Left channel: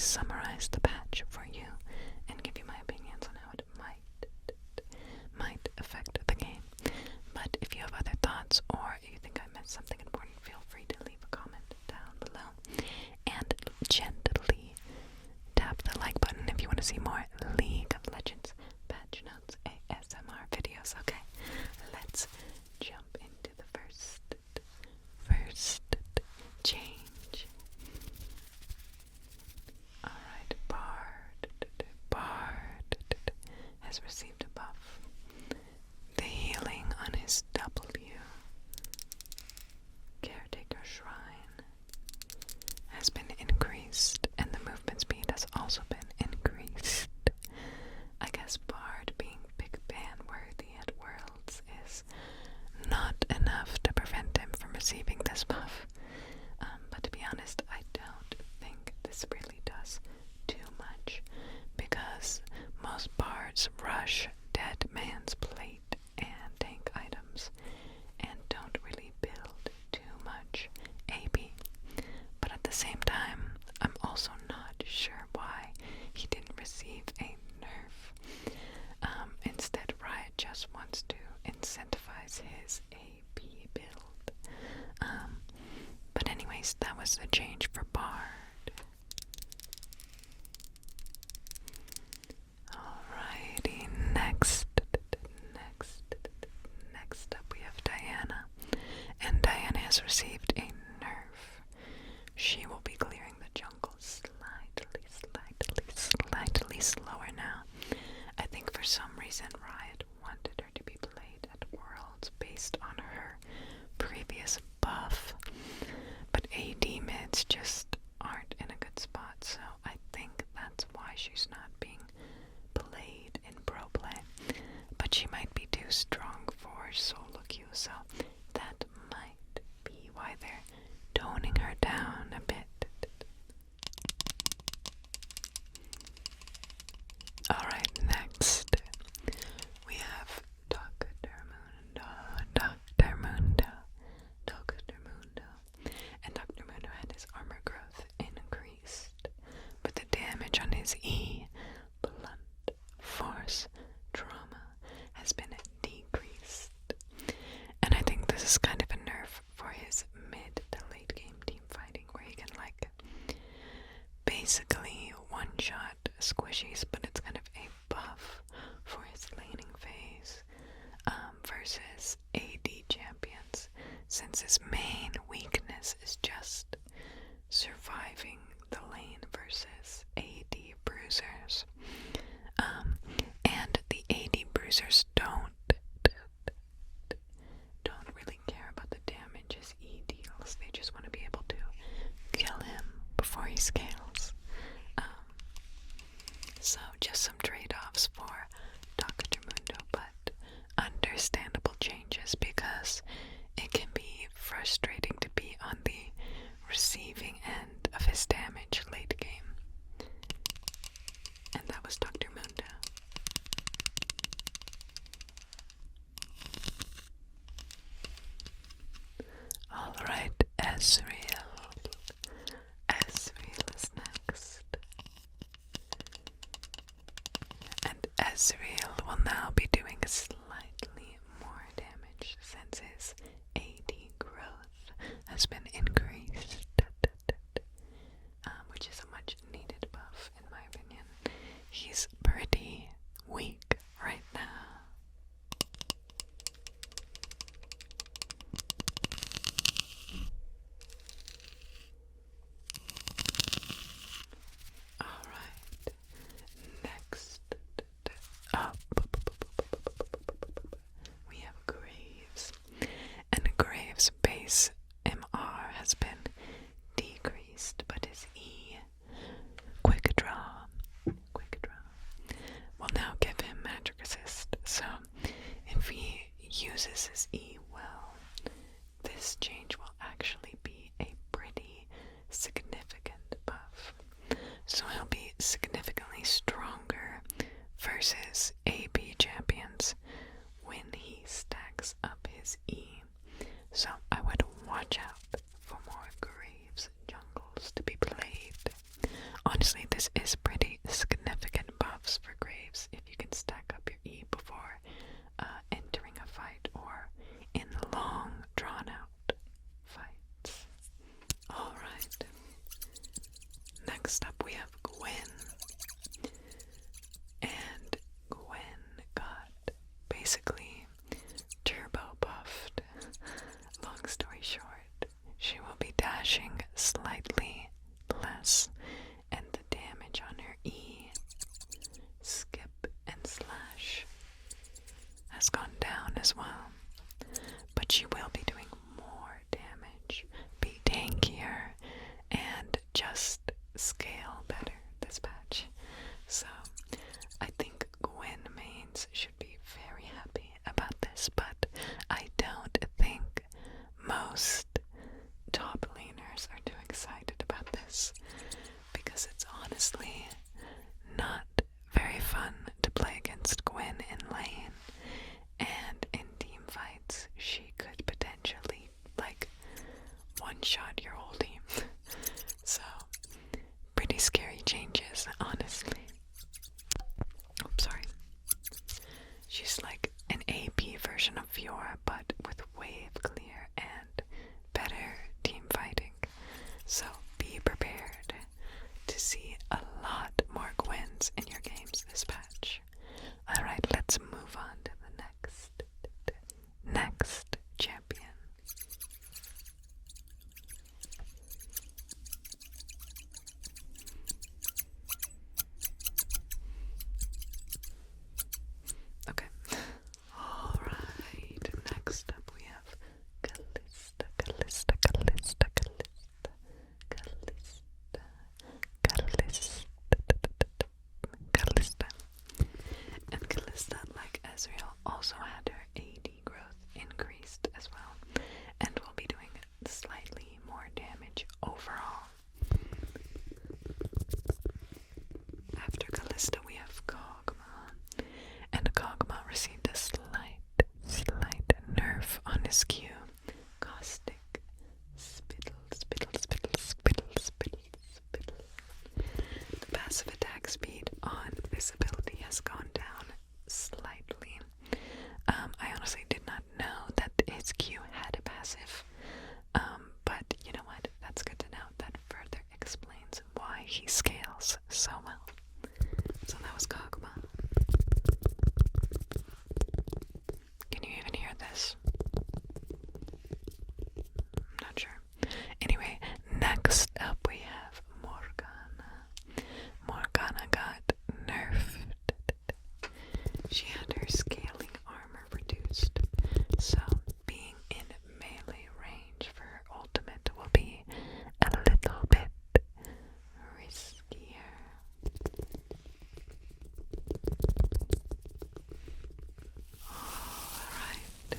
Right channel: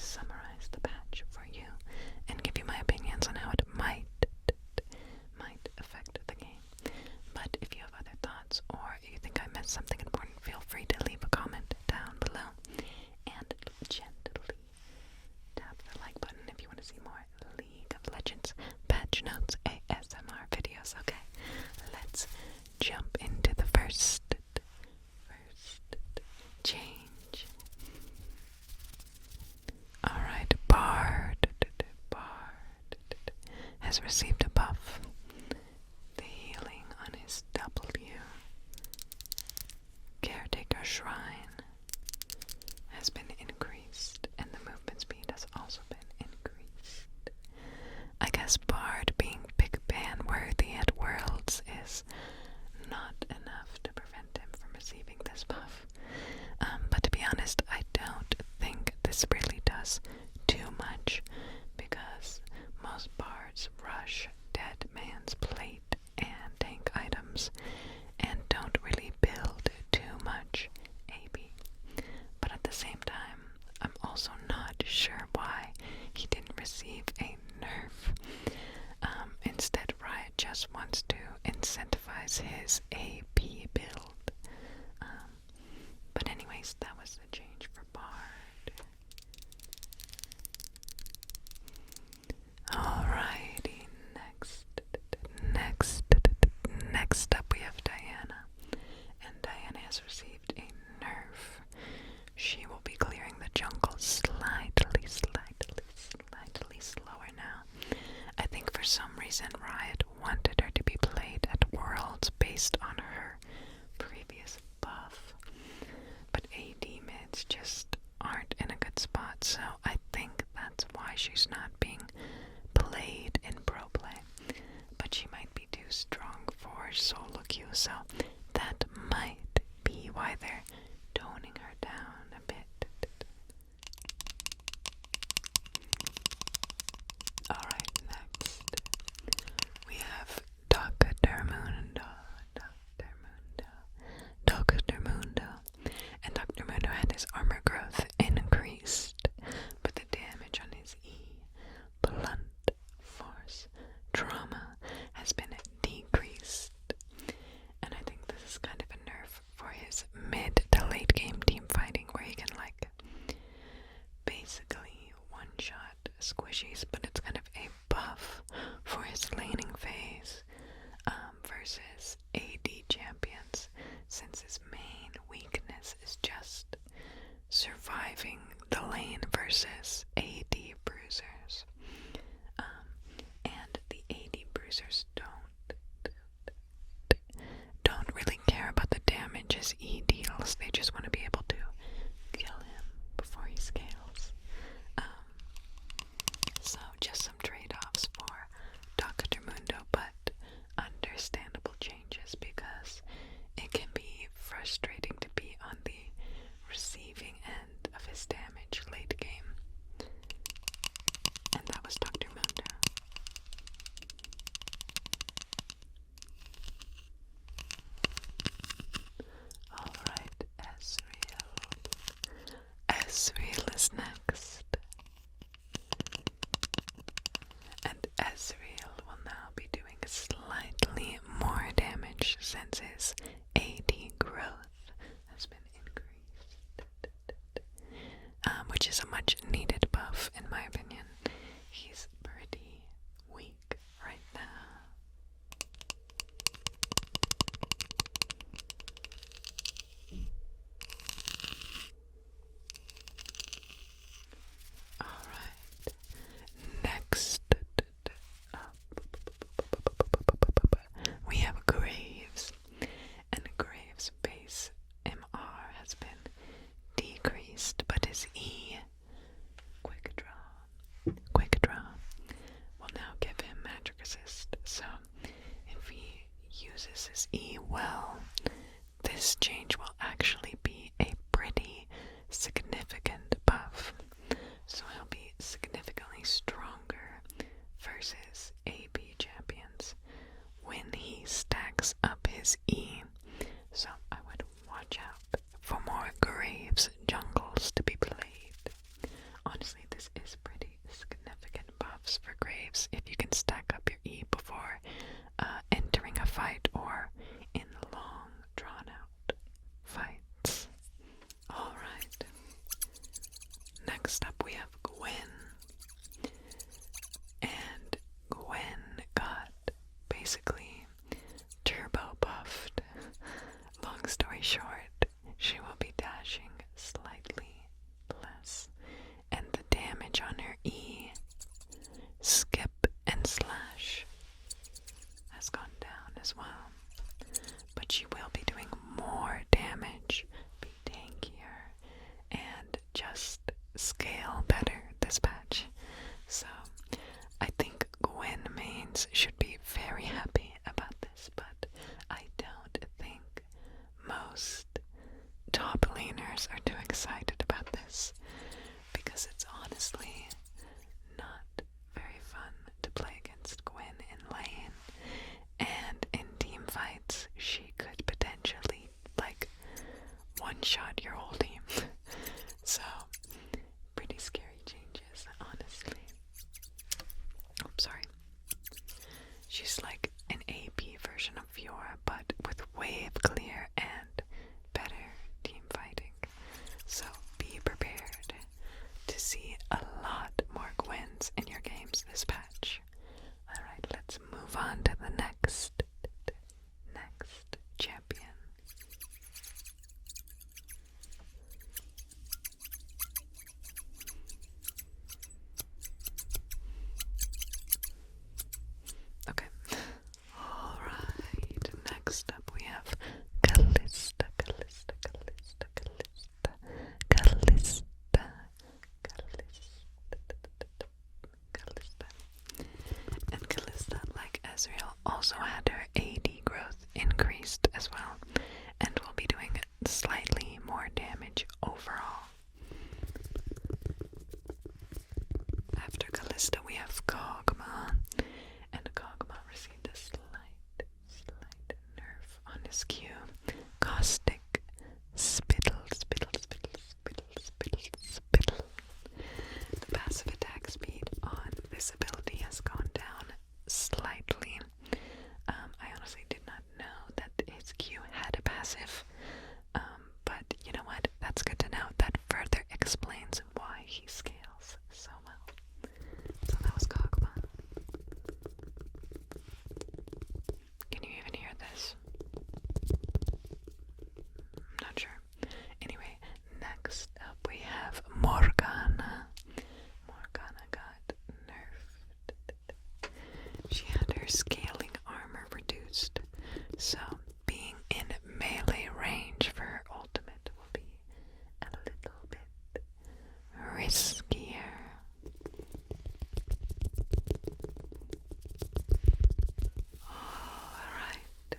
summarize the patch for you and give you my opinions on how it might affect the game. But if you have other thoughts or you think I missed something important, feel free to leave a comment down below and gently tap the like button if you want to see more League of Legends patch notes ASMR videos. Okay, let's jump into the first change. Alright, Bard has received a buff. The healing on his W, Caretaker Shrine, has been increased, and the movement speed has also been increased. I guess Bard being big ban worthy at Worlds is not enough to prevent him from receiving this buff. But to be honest, I don't think this really does too much, because most bards rush Dead Man's Plate and tank items and don't really build too much AP. But at the same time, I'm also not sure why he didn't receive a nerf. Instead, Riot just wants to incentivize his AP build. But anyways, that was the change for Bard. Alrighty, next up we have Diana. And Diana has received a nerf. She will be clearing the jungle slightly slower now. I think for some reason Riot wanted her to be played at Worlds based on her previous buff. But AD mids just aren't in a good spot, so I think that's why she's not being played in pro play. But she might be too strong for solo queue, so that might be why they're toning her down a bit. Alright, next we have Dr. Mundo. And Dr. Mundo had his armor growth increased, but the damage on his E, blunt force trauma, has been decreased. And I think this is kind of a nerf for his mid to late game team fighting, where he can like basically one-shot squishies, but it's kind of a buff for his laning phase versus AD champions, since his main weakness is just surviving the lane versus AD bruisers. And the AD bruisers don't really care about the damage his E deals. They just want to be able to kill him before he scales. So just some trade-offs for Dr. Mundo, but understandable changes, because it can be frustrating to be on the receiving end of his damage late game. And that was Dr. Mundo. Alright, Ezreal. Ezreal is next. And Ezreal will now be doing slightly more damage since his AD growth has been increased, which is a much needed buff in my opinion. He's pretty weak right now. Alright, next up we have Graves, and Graves' base MR has been decreased, but his E honestly, this is pretty significant buffs for Graves if you can stack up your E before entering a fight or in long, drawn-out fights. Alright. Next up we have Gwen. And Gwen got basically turbo buffed. Long story short, she will be dashing slightly less, and the damage on her E, skip, and slash has gone down as well. But she will be doing more damage, be tankier, and just scale better this patch. So I think Gwen mains should be very happy about this, but I don't think most top laners are too excited about this, because it's honestly not very fun to play against Gwen in lane, and in team fights she could potentially one-shot your whole team. So pretty scary changes, honestly. Oops, sorry. She's like an AP version of Fiora, but with wave clear and better team fighting. So be prepared to see a lot more Gwens in your games this patch. Alright, let's move on to the next champion. Okay. Alright, next up we have Callista. And Callista, like Ezreal, also had her AD growth increased as well, and will be doing slightly more damage overall. After Callista we have Kog'Maw, and Kog'Maw received a slight nerf on his Q. Caustic spittle. The passive attack speed on this ability has gone down slightly. I honestly did not know that his Q had a passive, but you know what? That's good to know. That further explains why he scales so well. So that was Kog'Maw. Can you even hear this? I'm not sure. Anyway, next up we have Morgana. Morgana got nerfed. She had her scaling armor reduced, so being in melee range for her ultimate will be a little bit riskier. Alright.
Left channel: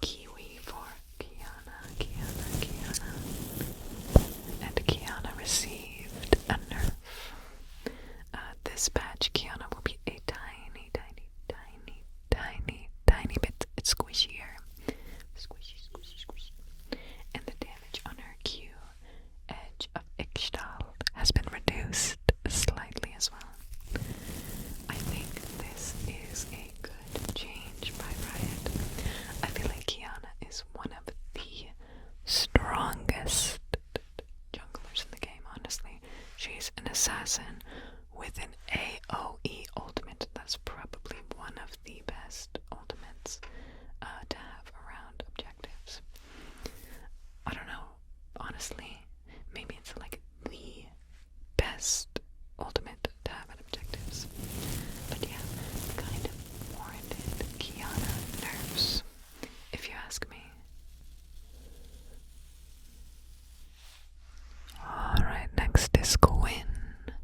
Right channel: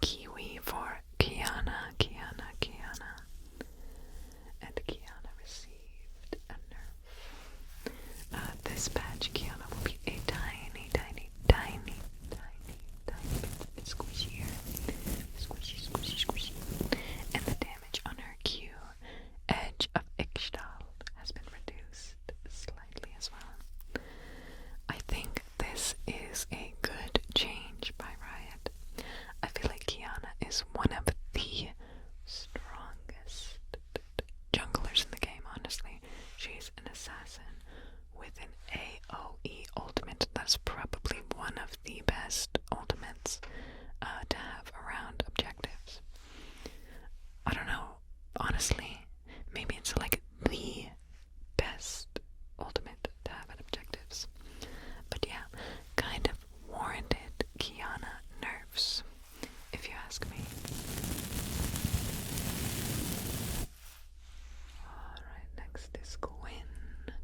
Kiwi for Kiana. And Kiana received a nerf. This patch, Kiana will be a tiny bit squishier. Squishy. And the damage on her Q, Edge of Ixtal, has been reduced slightly as well. I think this is a good change by Riot. I feel like Kiana is one of the strongest junglers in the game, honestly. She's an assassin with an AoE ultimate. That's probably one of the best ultimates to have around objectives. I don't know, honestly, maybe it's like the best ultimate to have at objectives. But yeah, kind of warranted Kiana nerfs, if you ask me. Alright, next is Gwen.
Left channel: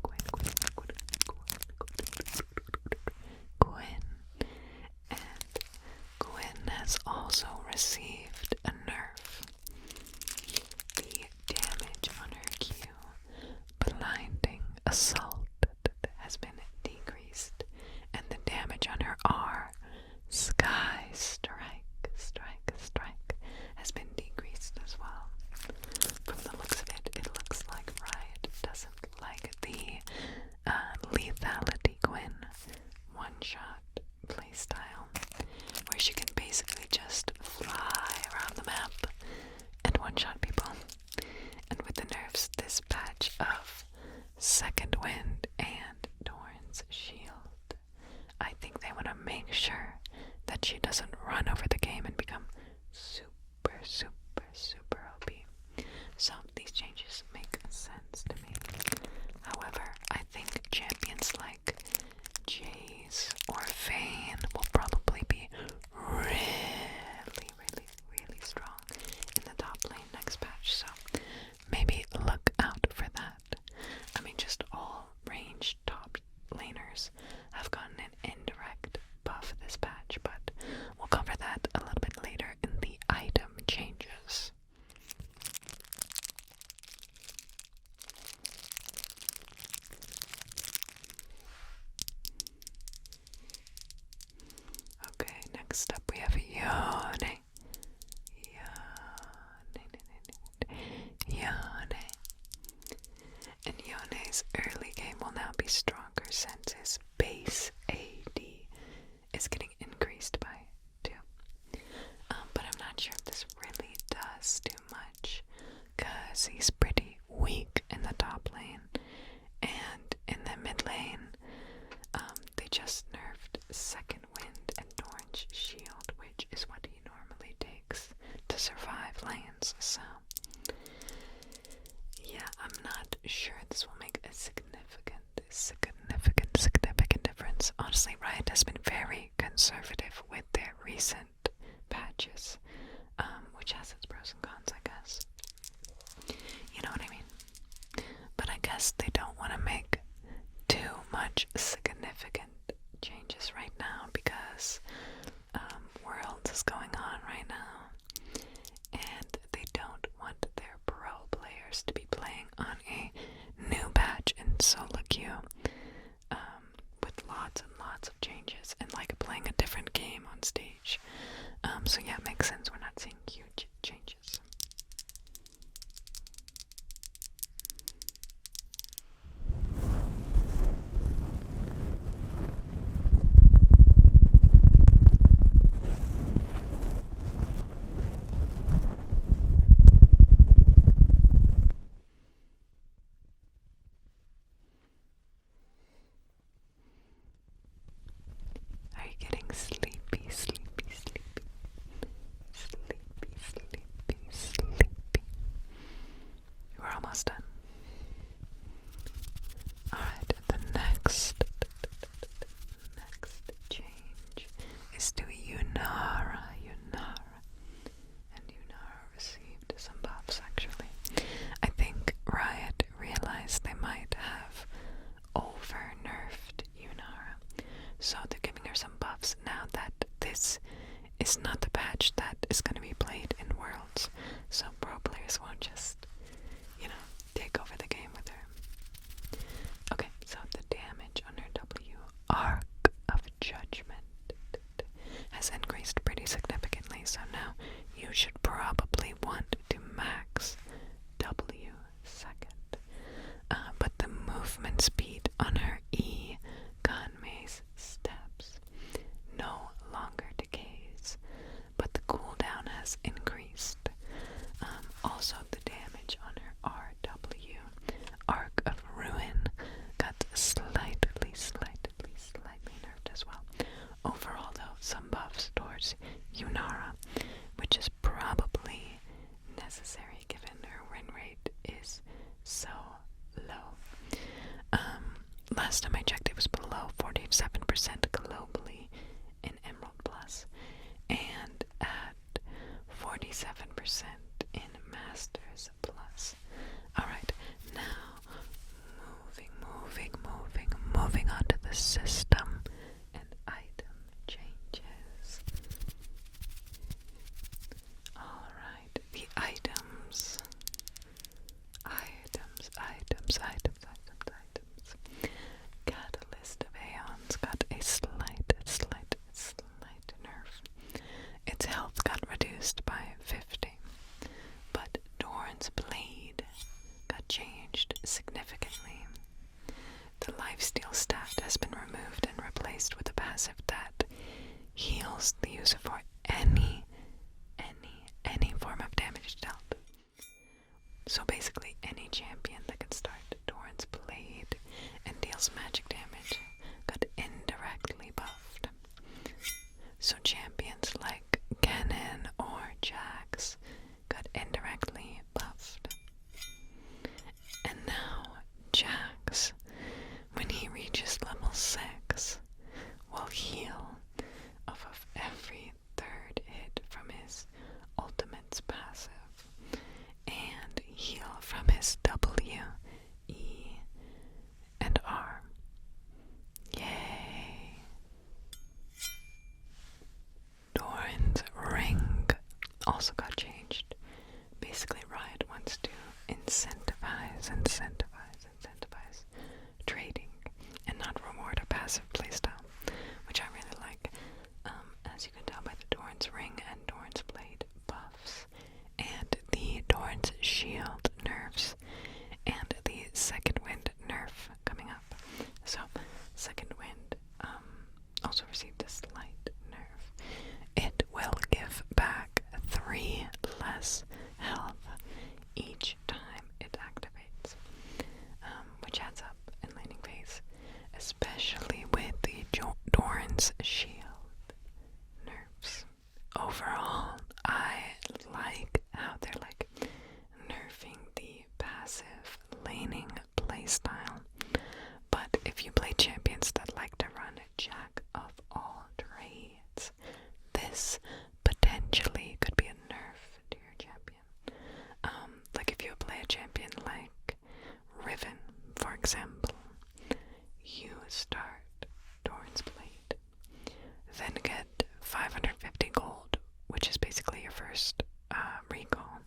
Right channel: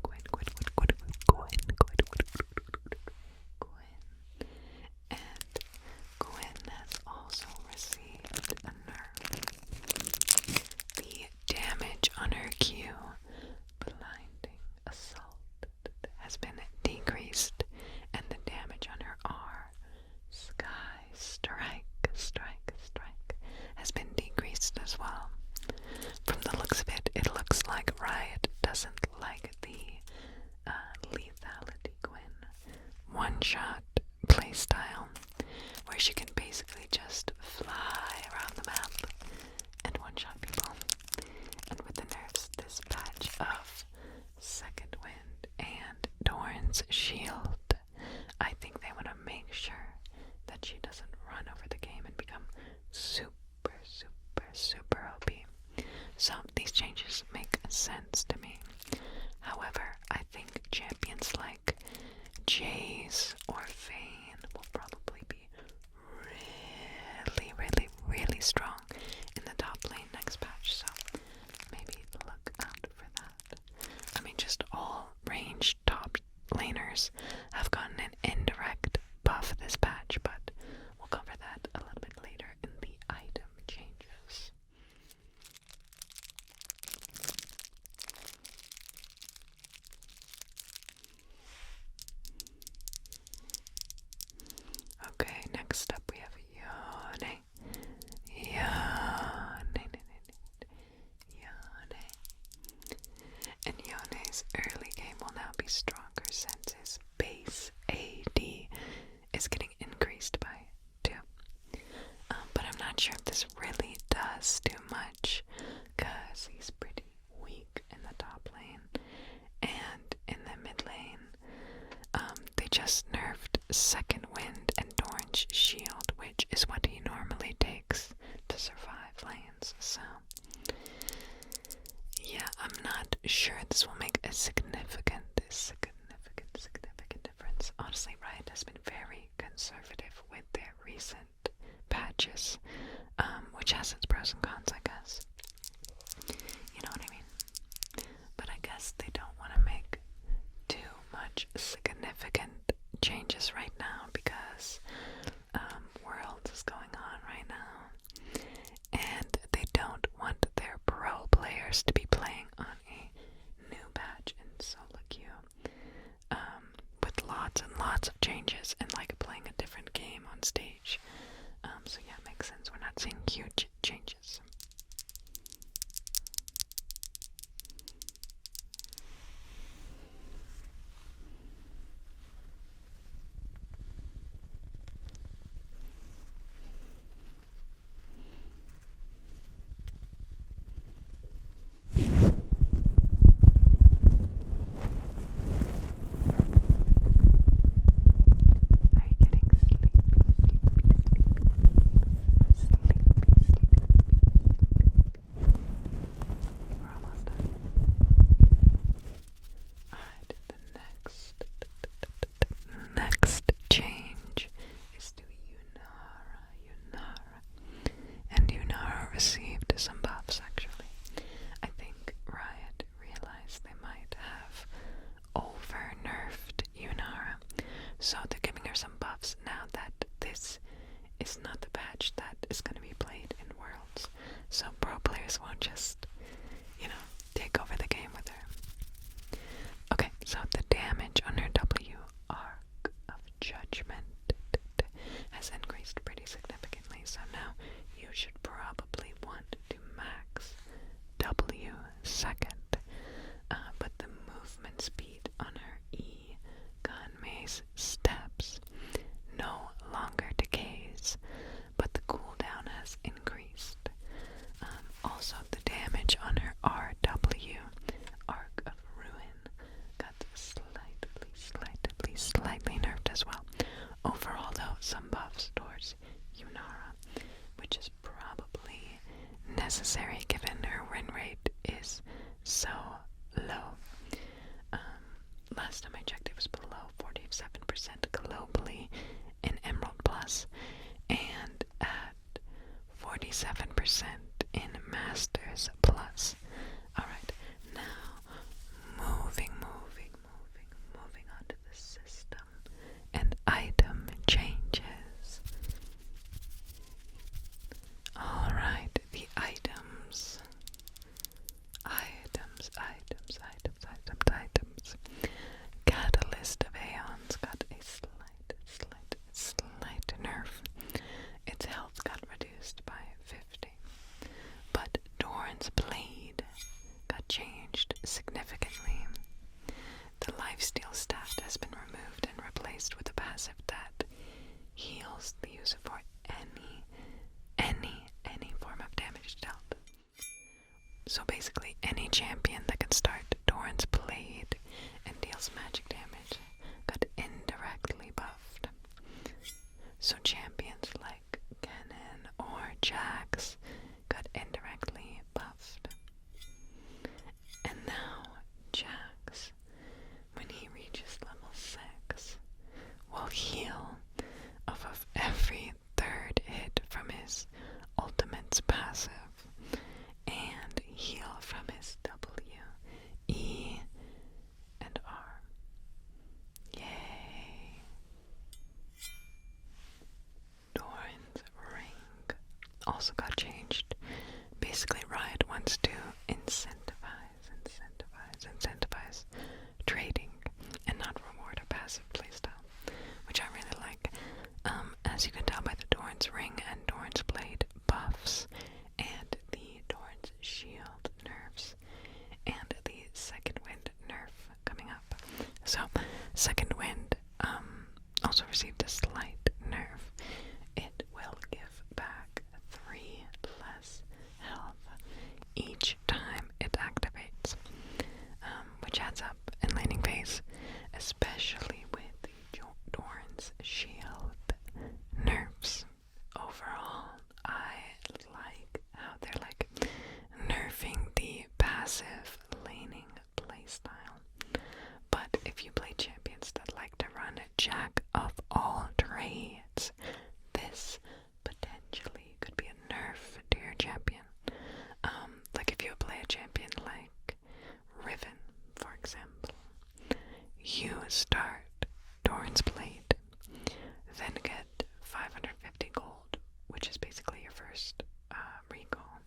Gwen. Second Wind and Doran's shield. I think they want to make sure that she doesn't run over the game and become super, super, super OP. So these changes make sense to me. However, I think champions like Jace or Vayne will probably be really, really, really strong in the top lane next patch, so maybe look out for that. I mean, just all ranged top laners have gotten an indirect buff this patch, but we'll cover that a little bit later in the item changes. Okay, next up we have Yone. And Yone's early game will now be stronger since his base AD is getting increased by 2. But I'm not sure if this really does too much, because he's pretty weak in the top lane. And in the mid lane, they just nerfed Second Wind and Doran's shield, which is what he normally takes to survive lanes, so yeah, I'm not sure this will make a significant difference. Honestly, Riot has been very conservative with their recent patches, which has its pros and cons, I guess. You know what I mean? But I guess they don't want to make too much significant changes right now because Worlds is going on right now, and they don't want their pro players to be playing on a new patch in solo queue with lots and lots of changes and like playing a different game on stage. So yeah, it makes sense we're not seeing huge changes. Are you getting sleepy, sleepy, sleepy? Sleepy, sleepy, sleepy. We're almost done. Alright, the next change is to Yunara. And Yunara received some buffs, actually. I think Riot realized they might have over-nerfed Yunara, so they're giving her some buffs now that this is not the patch that is going to be played in Worlds, so pro players won't just, take over the game with her. Okay, so the damage on her W, Arc of Judgment, has increased pretty significantly, so now you should probably want to max W second. But the movement speed on her E, Kog'Maw's steps, no longer decays, but the cooldown has increased. Also, the damage on her RW, Arc of Ruin, got slightly nerfed as well. Overall, though, some buffs towards Yunara, which is probably necessary given her win rate is so low. Last time I checked, it was below 47% globally in Emerald Plus, and at 47% in Masters Plus. Alright, now moving on to the system and item changes. Alright, the items. Catalyst of Aeons got a slight nerf. Its health got reduced by 50. But Doran's Blade got changed significantly. The lifesteal stat has been removed and replaced with a passive that heals the user for any form of damage dealt. So basically, any champion that can start Doran's Blade Second Wind also received a slight nerf. It will give back 3 less health each time it activates, which adds up in laning phase, especially with the Doran's shield nerfs. Overall, I like how they're like nerfing the passive laning playstyle. But if you play champions that like to run Jack of all trades, this potentially could be a nerf to your champion. Like if you play a champion like Riven, for example, you start Doran's Blade, then get 550 gold, which is basically your first recall,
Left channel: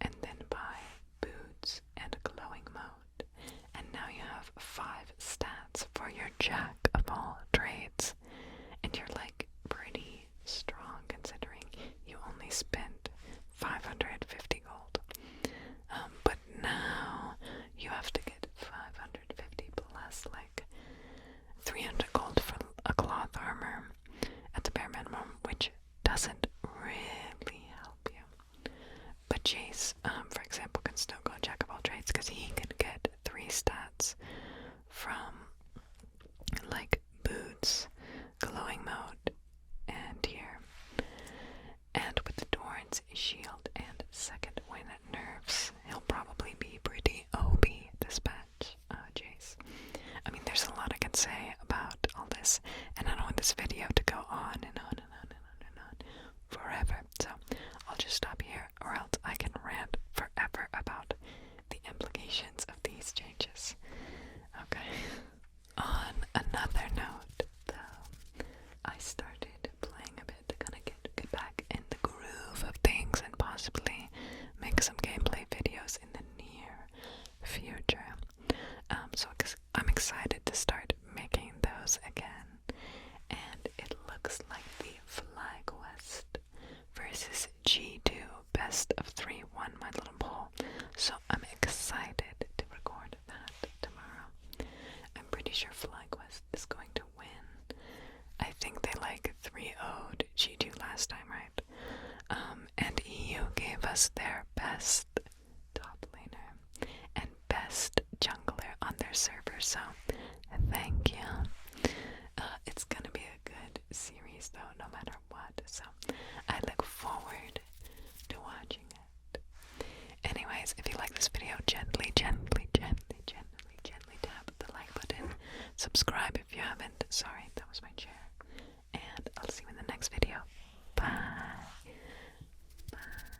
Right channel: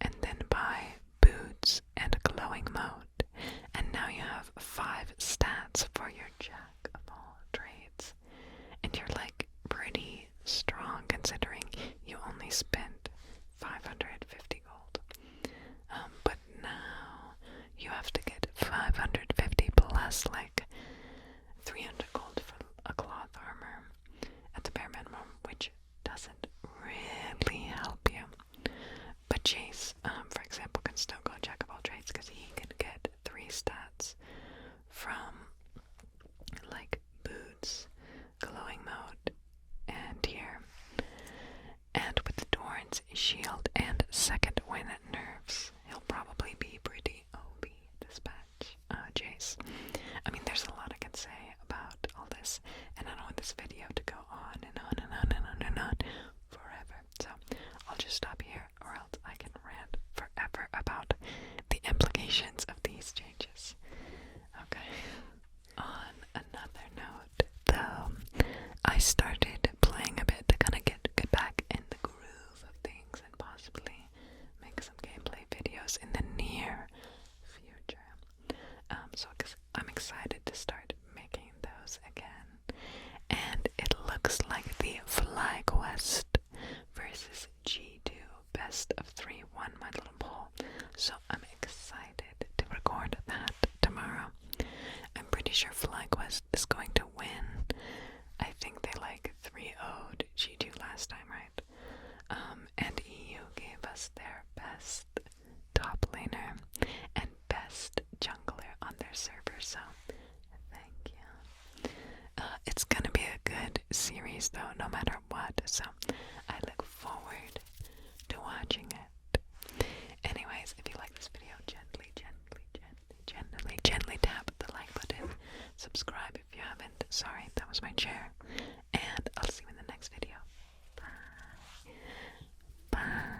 and then buy boots and glowing mode, and now you have 5 stats for your Jack of all trades, and you're like pretty strong considering you only spent 550 gold. But now you have to get 550 plus like 300 gold for a cloth armor at the bare minimum, which doesn't really help you. But Chase, for example, can still go Jack of all trades because he can get 3 stats from like boots, glowing mode, and here. And with the Doran's shield and second wind nerfs, he'll probably be pretty OP dispatch, Jace. I mean, there's a lot I can say about all this, and I don't want this video to go on and on and on and on and on forever. So I'll just stop here, or else I can rant forever about the implications of these changes. Okay. On another note, though, I started playing a bit to kind of get back in the groove of things and possibly make some gameplay videos in the near future. So I'm excited to start making those again. And it looks like the FlyQuest versus G2 best of 3 won my little poll. So I'm excited to record that tomorrow. I'm pretty sure FlyQuest is going to win. I think they like 3-0'd G2 last time, right? And EU gave us their best top laner and best jungler on their server, so thank you. It's gonna be a good series though, no matter what, so I look forward to watching it. Anyways, if you like this video, gently tap the like button. Subscribe if you haven't. Sorry, that was my chair. And I'll see you in the next video. Bye. Bye.